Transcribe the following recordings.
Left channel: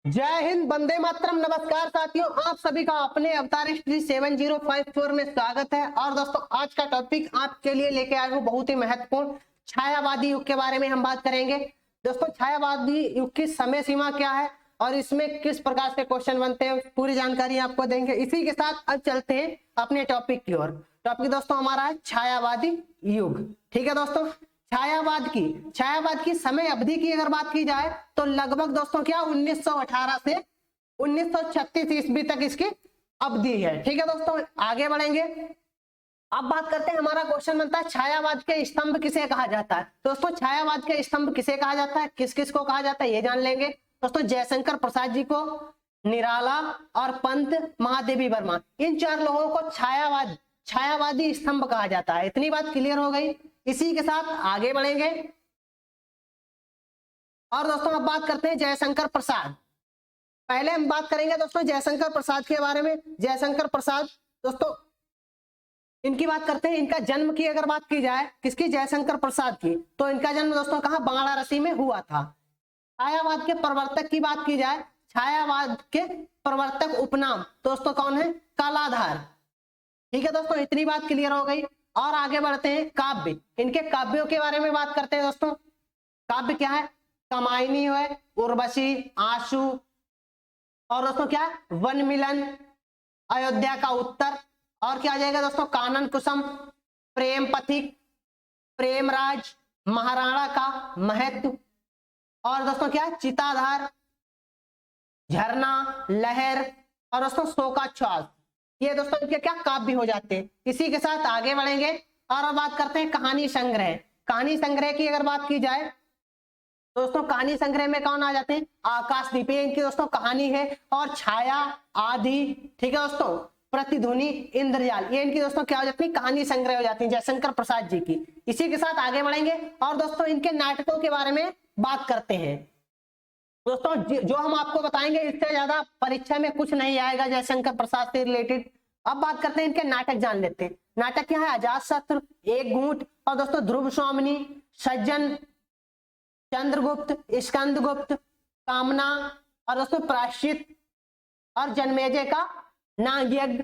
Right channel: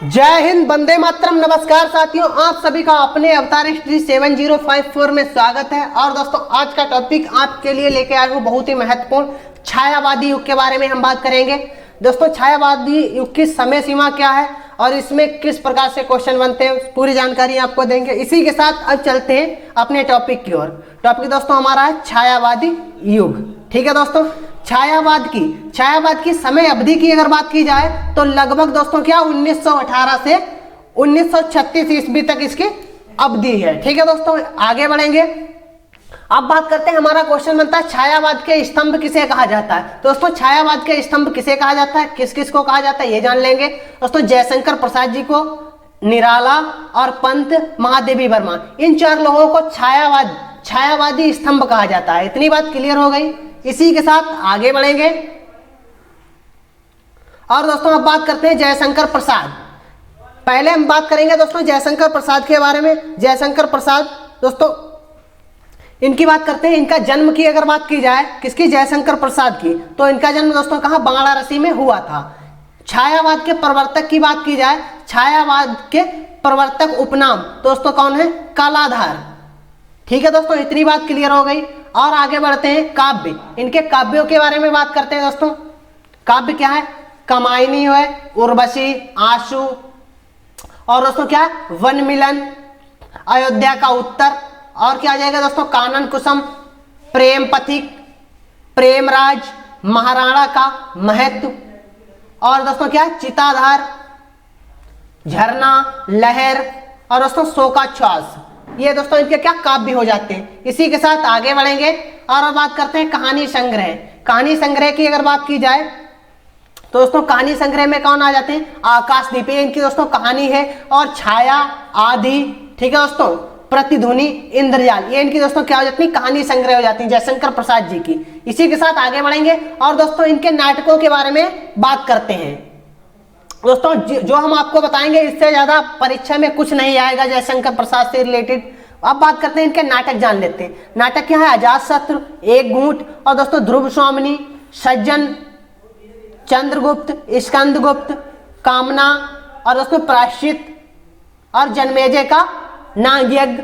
जय हिंद, वंदे मातरम। नमस्कार साथियों, आप सभी का अपने अवतार हिस्ट्री 7054 में स्वागत है। और दोस्तों, आज का टॉपिक आपके लिए लेके आया हूँ बहुत ही महत्वपूर्ण, छायावादी युग के बारे में हम बात करेंगे। दोस्तों, छायावादी युग की समय सीमा क्या है और इसमें किस प्रकार से क्वेश्चन बनते हैं, पूरी जानकारी आपको देंगे। इसी के साथ अब चलते हैं अपने टॉपिक की ओर। टॉपिक दोस्तों हमारा है छायावादी युग। ठीक है दोस्तों, छायावाद की समय अवधि की अगर बात की जाए तो लगभग दोस्तों क्या 1918 से 1936 ईस्वी तक इसकी अवधि है। ठीक है दोस्तों, आगे बढ़ेंगे। अब बात करते हैं, हमारा क्वेश्चन बनता है छायावाद के स्तंभ किसे कहा जाता है। दोस्तों, छायावाद के स्तंभ किसे कहा जाता है, किस किस को कहा जाता है, ये जान लेंगे। दोस्तों, जयशंकर प्रसाद जी को, निराला और पंत महादेवी वर्मा, इन चार लोगों को छायावादी स्तंभ कहा जाता है। इतनी बात क्लियर हो गई। इसी के साथ आगे बढ़ेंगे और दोस्तों अब बात करते हैं जयशंकर प्रसाद। पहले हम बात करेंगे दोस्तों जयशंकर प्रसाद के बारे में। जयशंकर प्रसाद दोस्तों, इनकी बात करते हैं। इनका जन्म की अगर बात की जाए, किसकी, जयशंकर प्रसाद की, तो इनका जन्म दोस्तों कहां, बांग्लादेशी में हुआ था। छायावाद के प्रवर्तक की बात की जाए, छायावाद के प्रवर्तक उपनाम दोस्तों कौन है, कालाधार। ठीक है दोस्तों, इतनी बात क्लियर हो गई। और आगे बढ़ते हैं, काव्य। इनके काव्यों के बारे में बात करते हैं दोस्तों। काव्य क्या है, कामायनी है, उर्वशी, आशु, और दोस्तों क्या है, वन मिलन, अयोध्या का उत्तर, और क्या आ जाएगा दोस्तों, कानन कुसुम, प्रेम पथिक, प्रेमराज, महाराणा का महत्व, और दोस्तों क्या है, चिताधार, झरना, लहर, और दोस्तों शोकाश्वास। ये दोस्तों इनके क्या काव्य हो जाते हैं। इसी के साथ आगे बढ़ेंगे और बात करते हैं कहानी संग्रह। कहानी संग्रह की अगर बात की जाए तो दोस्तों कहानी संग्रह में कौन आ जाते हैं, आकाशदीप, इनकी दोस्तों कहानी है, और छाया आदि। ठीक है दोस्तों, प्रतिध्वनि, इंद्रजाल, ये इनकी दोस्तों क्या हो जाती है, कहानी संग्रह हो जाती है जयशंकर प्रसाद जी की। इसी के साथ आगे बढ़ेंगे और दोस्तों इनके नाटकों के बारे में बात करते हैं। दोस्तों जो हम आपको बताएंगे इससे ज्यादा परीक्षा में कुछ नहीं आएगा जयशंकर प्रसाद से रिलेटेड। अब बात करते हैं इनके नाटक, जान लेते हैं। नाटक क्या है, अजातशत्रु, एक घूंट, और दोस्तों ध्रुव स्वामिनी, सज्जन, चंद्रगुप्त, स्कंदगुप्त, कामना, और दोस्तों प्रायश्चित, और जन्मेजय का नागयज्ञ,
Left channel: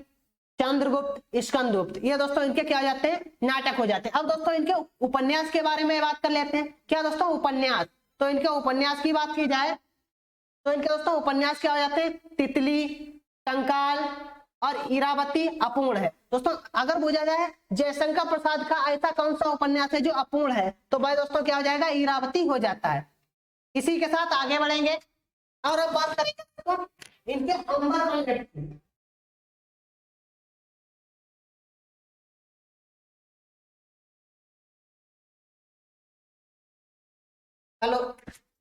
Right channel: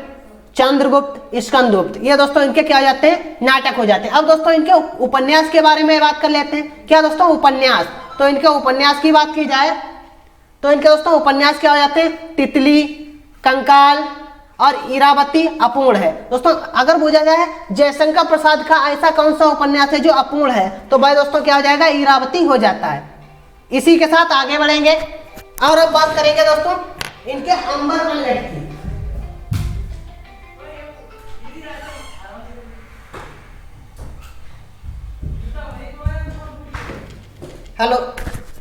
चंद्रगुप्त, स्कंदगुप्त, ये दोस्तों इनके क्या हो जाते हैं, नाटक हो जाते हैं। अब दोस्तों इनके उपन्यास के बारे में बात कर लेते हैं। क्या दोस्तों, उपन्यास। तो इनके उपन्यास की बात की जाए तो इनके दोस्तों उपन्यास क्या हो जाते हैं, तितली, कंकाल और इरावती अपूर्ण है। दोस्तों अगर पूछा जाए जयशंकर प्रसाद का ऐसा कौन सा उपन्यास है जो अपूर्ण है, तो भाई दोस्तों क्या हो जाएगा, इरावती हो जाता है। इसी के साथ आगे बढ़ेंगे और अब बात करेंगे दोस्तों इनके अंबर मनगढ़ की। हेलो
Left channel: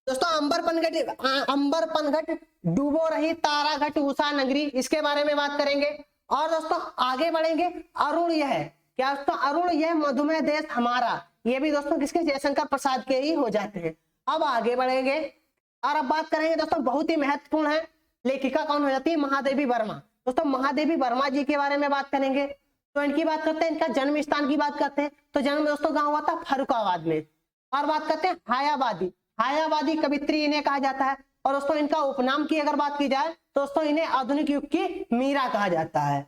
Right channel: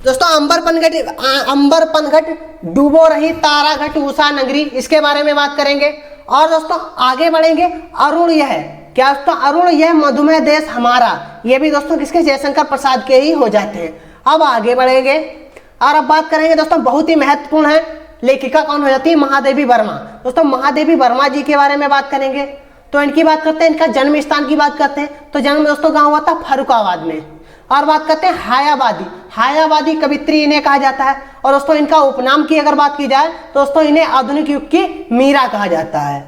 दोस्तों, अंबर पनघट, डूबो रही ताराघट उषा नगरी, इसके बारे में बात करेंगे। और दोस्तों आगे बढ़ेंगे, अरुण यह, क्या दोस्तों, अरुण यह मधुमेह देश हमारा, ये भी दोस्तों किसके, जयशंकर प्रसाद के ही हो जाते हैं। अब आगे बढ़ेंगे और अब बात करेंगे दोस्तों, बहुत ही महत्वपूर्ण है, लेखिका कौन हो जाती है, महादेवी वर्मा। दोस्तों महादेवी वर्मा जी के बारे में बात करेंगे। तो इनकी बात करते हैं, इनका जन्म स्थान की बात करते हैं। तो जन्म दोस्तों कहाँ हुआ था, फर्रुखाबाद में। और बात करते हैं हायावादी कवित्री इन्हें कहा जाता है। और दोस्तों इनका उपनाम की अगर बात की जाए तो दोस्तों इन्हें आधुनिक युग की मीरा कहा जाता है।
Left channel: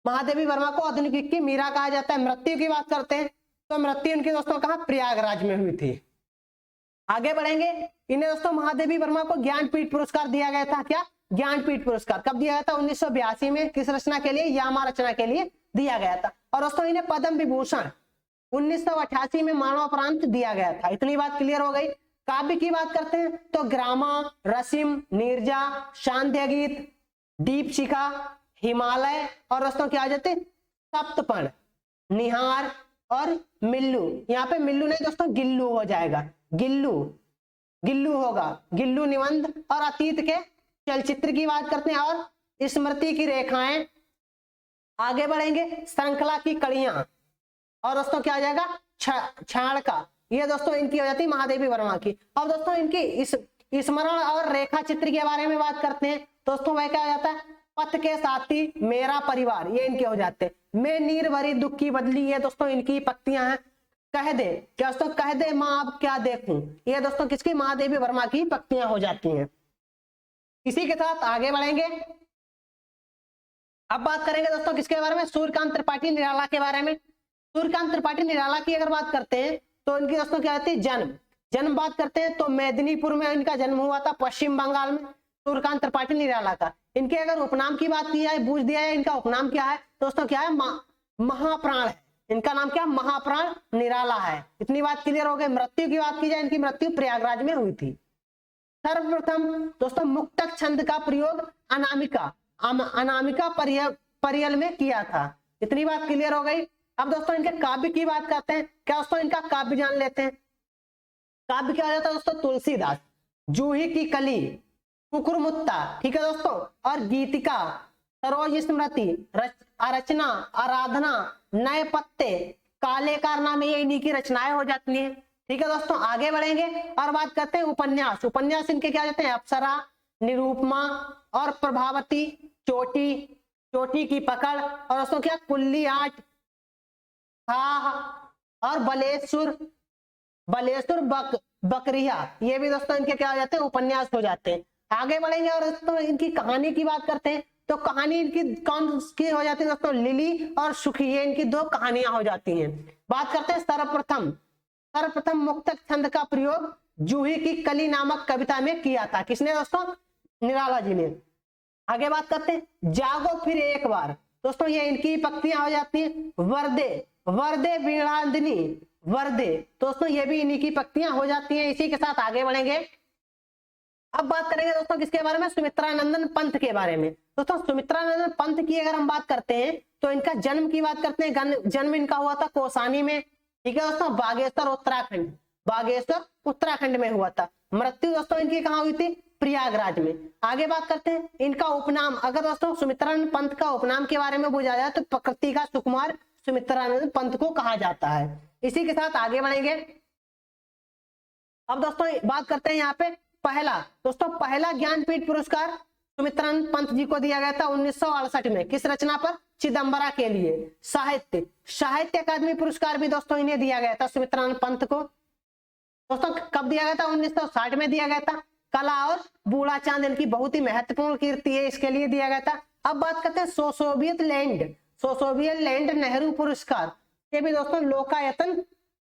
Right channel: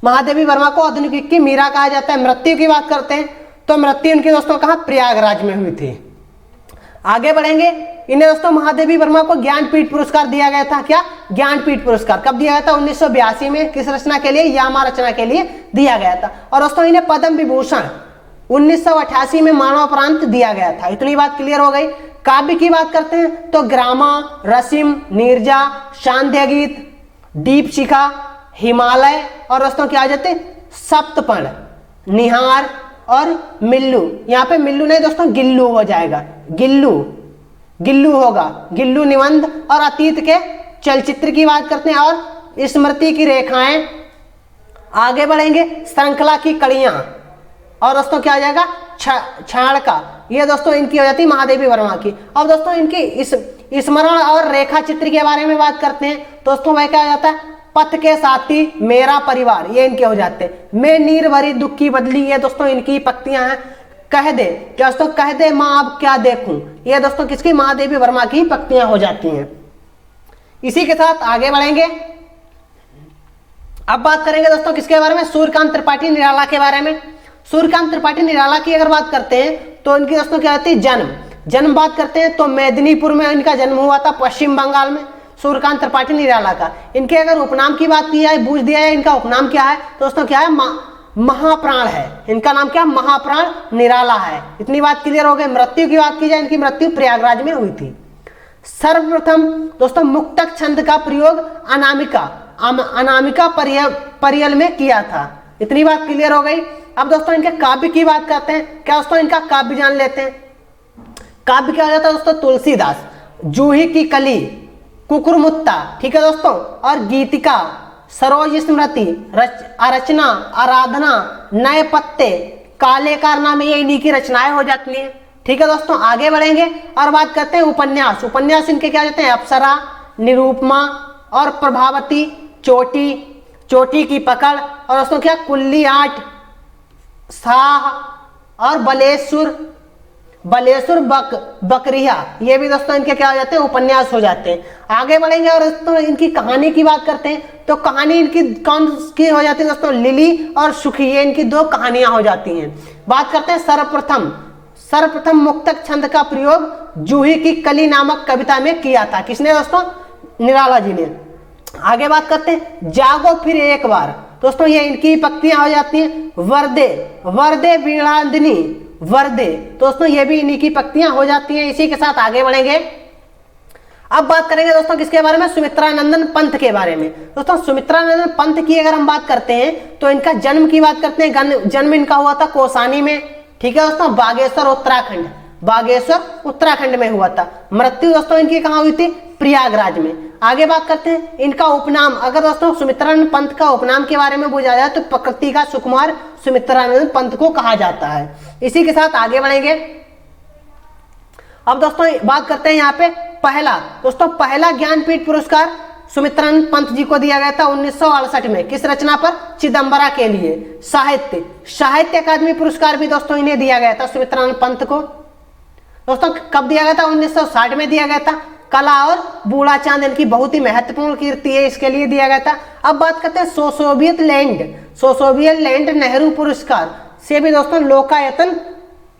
महादेवी वर्मा को आधुनिक युग की मीरा कहा जाता है। मृत्यु की बात करते हैं तो मृत्यु इनकी दोस्तों कहाँ, प्रयागराज में हुई थी। आगे बढ़ेंगे, इन्हें दोस्तों महादेवी वर्मा को ज्ञानपीठ पुरस्कार दिया गया था। क्या, ज्ञानपीठ पुरस्कार कब दिया गया था, 1982 में। किस रचना के लिए, यामा रचना के लिए दिया गया था। और दोस्तों इन्हें पद्म विभूषण 1988 में मरणोपरांत दिया गया था। इतनी बात क्लियर हो गई। काव्य की बात करते हैं तो ग्रामा, रसिम, नीरजा, शांध्य गीत, दीपशिखा, हिमालय, और दोस्तों क्या आ जाते, सप्तपर्ण, निहार और मिल्लू। यहाँ पे मिल्लू नहीं दोस्तों, गिल्लू हो जाएगा, गिल्लू होगा, गिल्लू निबंध। और अतीत के चलचित्र की बात करते हैं और स्मृति की रेखाएं। आगे बढ़ेंगे, श्रृंखला की कड़ियां, और दोस्तों क्या आ जाएगा, क्षाण का, ये दोस्तों इनकी हो जाती है महादेवी वर्मा की। अब दोस्तों इनकी इस स्मरण और रेखा चित्र के बारे में बात करते हैं। दोस्तों वह क्या हो जाता है, पथ के साथी, मेरा परिवार, ये इनके हो जाते हैं। मैं नीर भरी दुख की बदली, ये दोस्तों इनकी पंक्तियां हैं। कह दे, क्या दोस्तों, कह दे माँ अब क्या देखूं, ये दोस्तों किसकी, महादेवी वर्मा की पंक्तियां हो जाती हैं। इसी के साथ आगे बढ़ेंगे। अब बात करेंगे दोस्तों किसके बारे में, सूर्यकांत त्रिपाठी निराला के बारे में। सूर्यकांत त्रिपाठी निराला की अगर बात करते हैं तो इनकी दोस्तों क्या होती है, जन्म बात करते हैं तो मेदिनीपुर में इनका जन्म हुआ था, पश्चिम बंगाल में, सूर्यकांत त्रिपाठी निराला का। इनके अगर उपनाम की बात की जाए, पूछ दिया है इनका उपनाम क्या है, तो दोस्तों क्या है, महाप्राण है। इनका नाम क्या, महाप्राण निराला है। इतनी बात क्लियर हो गई। मृत्यु की बात की जाए, इनकी मृत्यु प्रयागराज में हुई थी। सर्वप्रथम दोस्तों मुक्तक छंद का प्रयोग अनामिका परियल में किया था। इतनी बात क्लियर हो गई। अब दोस्तों इनके काव्य की बात करते हैं। क्या दोस्तों इनका काव्य जान लेते हैं। काव्य क्या हो जाता है दोस्तों, तुलसीदास, जूही की कली, कुकुरमुत्ता, ठीक है दोस्तों, और गीतिका, सरोज स्मृति, रचना, आराधना, नए पत्ते, काले कारनामे, ये इन्हीं की रचनाएं हो जाती हैं। ठीक है दोस्तों, आगे बढ़ेंगे और बात करते हैं उपन्यास। उपन्यास इनके क्या जाते हैं, अप्सरा, निरूपमा और प्रभावती, चोटी की पकड़, और दोस्तों क्या, कुल्ली आठ, साह और बलेसुर बकरिया, ये भी दोस्तों इनके क्या हो जाते हैं, उपन्यास हो जाते हैं। आगे बढ़ेंगे और दोस्तों इनकी कहानी की बात करते हैं तो कहानी इनकी कौन की हो जाती है दोस्तों, लिली और सुखी, ये इनकी दो कहानियां हो जाती हैं। बात करते हैं सर्वप्रथम मुक्तक छंद का प्रयोग जूही की कली नामक कविता में किया था। किसने दोस्तों, निराला जी ने। आगे बात करते हैं जागो फिर एक बार, दोस्तों ये इनकी पंक्तियां हो जाती हैं। वर्दे वीणांदिनी वर्दे, दोस्तों ये भी इन्हीं की पंक्तियां हो जाती हैं। इसी के साथ आगे बढ़ेंगे। अब बात करेंगे दोस्तों किसके बारे में, सुमित्रानंदन पंत के बारे में। दोस्तों सुमित्रानंदन पंत की अगर हम बात करते हैं तो इनका जन्म की बात करते हैं। जन्म इनका हुआ था कौसानी में, ठीक है दोस्तों, बागेश्वर उत्तराखंड में हुआ था। मृत्यु दोस्तों इनकी कहाँ हुई थी, प्रयागराज में। आगे बात करते हैं इनका उपनाम। अगर दोस्तों सुमित्रानंद पंत का उपनाम के बारे में पूछा जाए तो प्रकृति का सुकुमार सुमित्रानंद पंत को कहा जाता है। इसी के साथ आगे बढ़ेंगे। अब दोस्तों बात करते हैं यहाँ पे पहला ज्ञानपीठ पुरस्कार सुमित्रानंद पंत जी को दिया गया था 1968 में। किस रचना पर, चिदम्बरा के लिए। साहित्य अकादमी पुरस्कार भी दोस्तों इन्हें दिया गया था, सुमित्रानंद पंत को। दोस्तों कब दिया गया था, 1960 में दिया गया था। कला और बूढ़ा चांद इनकी बहुत ही महत्वपूर्ण कीर्ति है, इसके लिए दिया गया था। अब बात करते हैं सोवियत लैंड नेहरू पुरस्कार से भी दोस्तों लोकायतन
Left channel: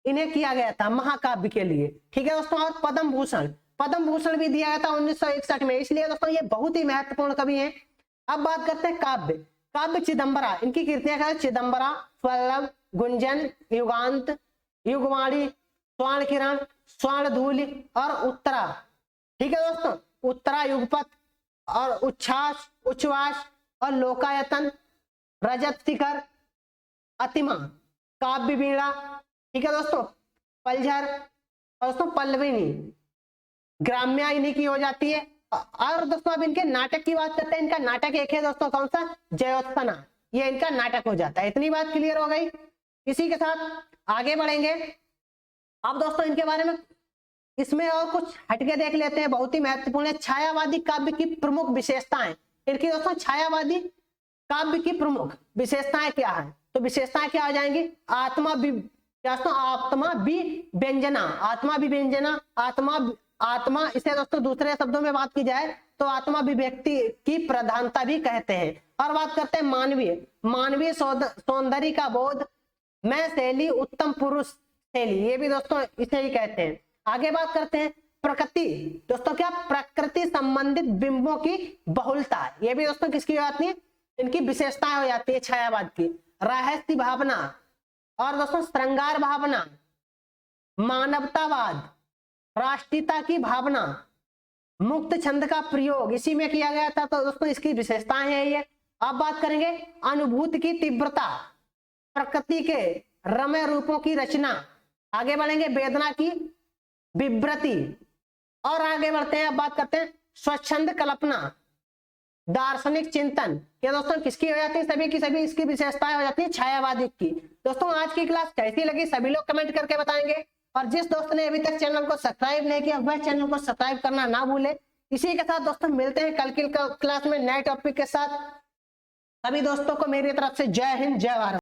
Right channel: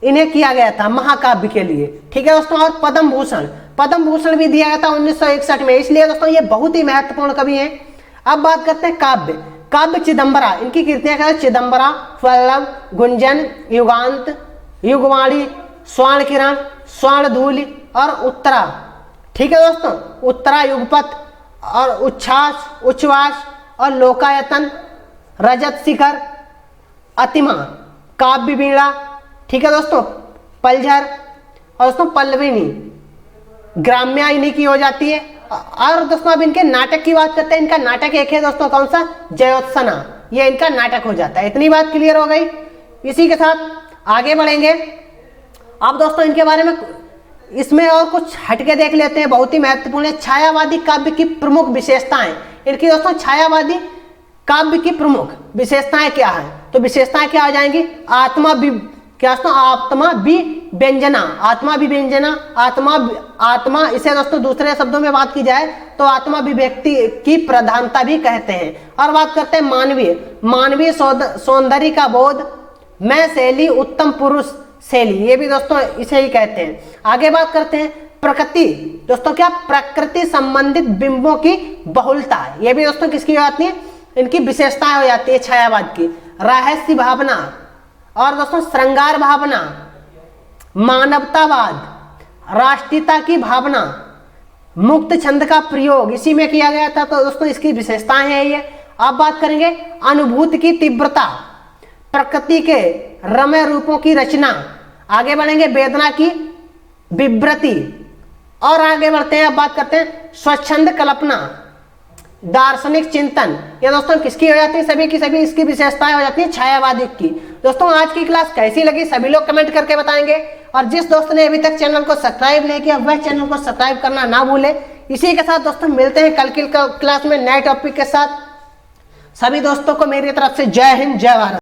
इन्हें किया गया था महाकाव्य के लिए, ठीक है दोस्तों। और पद्म भूषण भी दिया गया था 1961 में, इसलिए दोस्तों ये बहुत ही महत्वपूर्ण कवि हैं। अब बात करते हैं काव्य चिदम्बरा, इनकी कीर्तियां क्या है, चिदम्बरा, वल्लभ, गुंजन, युगांत, युगवाणी, स्वर्ण किरण, स्वर्ण धूलि और उत्तरा, ठीक है दोस्तों, उत्तरा युगपथ और उच्छ्वास और लोकायतन, रजत शिखर, अतिमा, काव्य वीणा, ठीक है दोस्तों, पलझर और दोस्तों पल्लविनी, ग्राम्या इन्हीं की हो जाती है। और दोस्तों अब इनके नाटक की बात करते हैं। इनका नाटक एक है दोस्तों, कौन सा, जयोत्सना, ये इनका नाटक हो जाता है। इतनी बात क्लियर हो गई। इसी के साथ आगे बढ़ेंगे। अब दोस्तों इनके बारे में इसमें और कुछ हटके देख लेते हैं, बहुत ही महत्वपूर्ण है। छायावादी काव्य की प्रमुख विशेषताएं। इनकी दोस्तों छायावादी काव्य की प्रमुख विशेषताएं क्या है, तो विशेषताएं क्या हो जाएंगी, आत्मा इसे दोस्तों दूसरे शब्दों में बात की जाए तो आत्मा अभिव्यक्ति की प्रधानता भी कहते हैं। और बात करते हैं मानवीय सौंदर्य का बोध में शैली, उत्तम पुरुष शैली, ये भी दोस्तों इसे ही कहते हैं। आगे बात करते हैं प्रकृति, दोस्तों क्या, प्रकृति संबंधित बिंबों की बहुलता, ये भी दोस्तों किसकी हो जाती है, इनकी विशेषताएं हो जाती है छायावाद की। रहस्य भावना और दोस्तों श्रृंगार भावना, मानवतावाद, राष्ट्रीयता की भावना, मुक्त छंद का प्रयोग इसी में किया गया था, तो दोस्तों इसकी विशेषताएं हैं ये। अब बात करेंगे अनुभूति की तीव्रता, प्रकृति के रम्य रूपों की रचना, आगे बढ़ेंगे वेदना की विवृति, और आगे बढ़ते हैं। अब बात करते हैं स्वच्छंद कल्पना, दार्शनिक चिंतन, ये दोस्तों किसकी हो जाती है, सभी की सभी इसकी विशेषताएं हो जाती है छायावादी की। दोस्तों आज की क्लास कैसी लगी सभी लोग कमेंट करके बताएंगे, और जिस दोस्त ने अभी तक चैनल को सब्सक्राइब नहीं किया वह चैनल को सब्सक्राइब करना ना भूले। इसी के साथ दोस्तों मिलते हैं कल की क्लास में नए टॉपिक के साथ। सभी दोस्तों को मेरी तरफ से जय हिंद, जय भारत।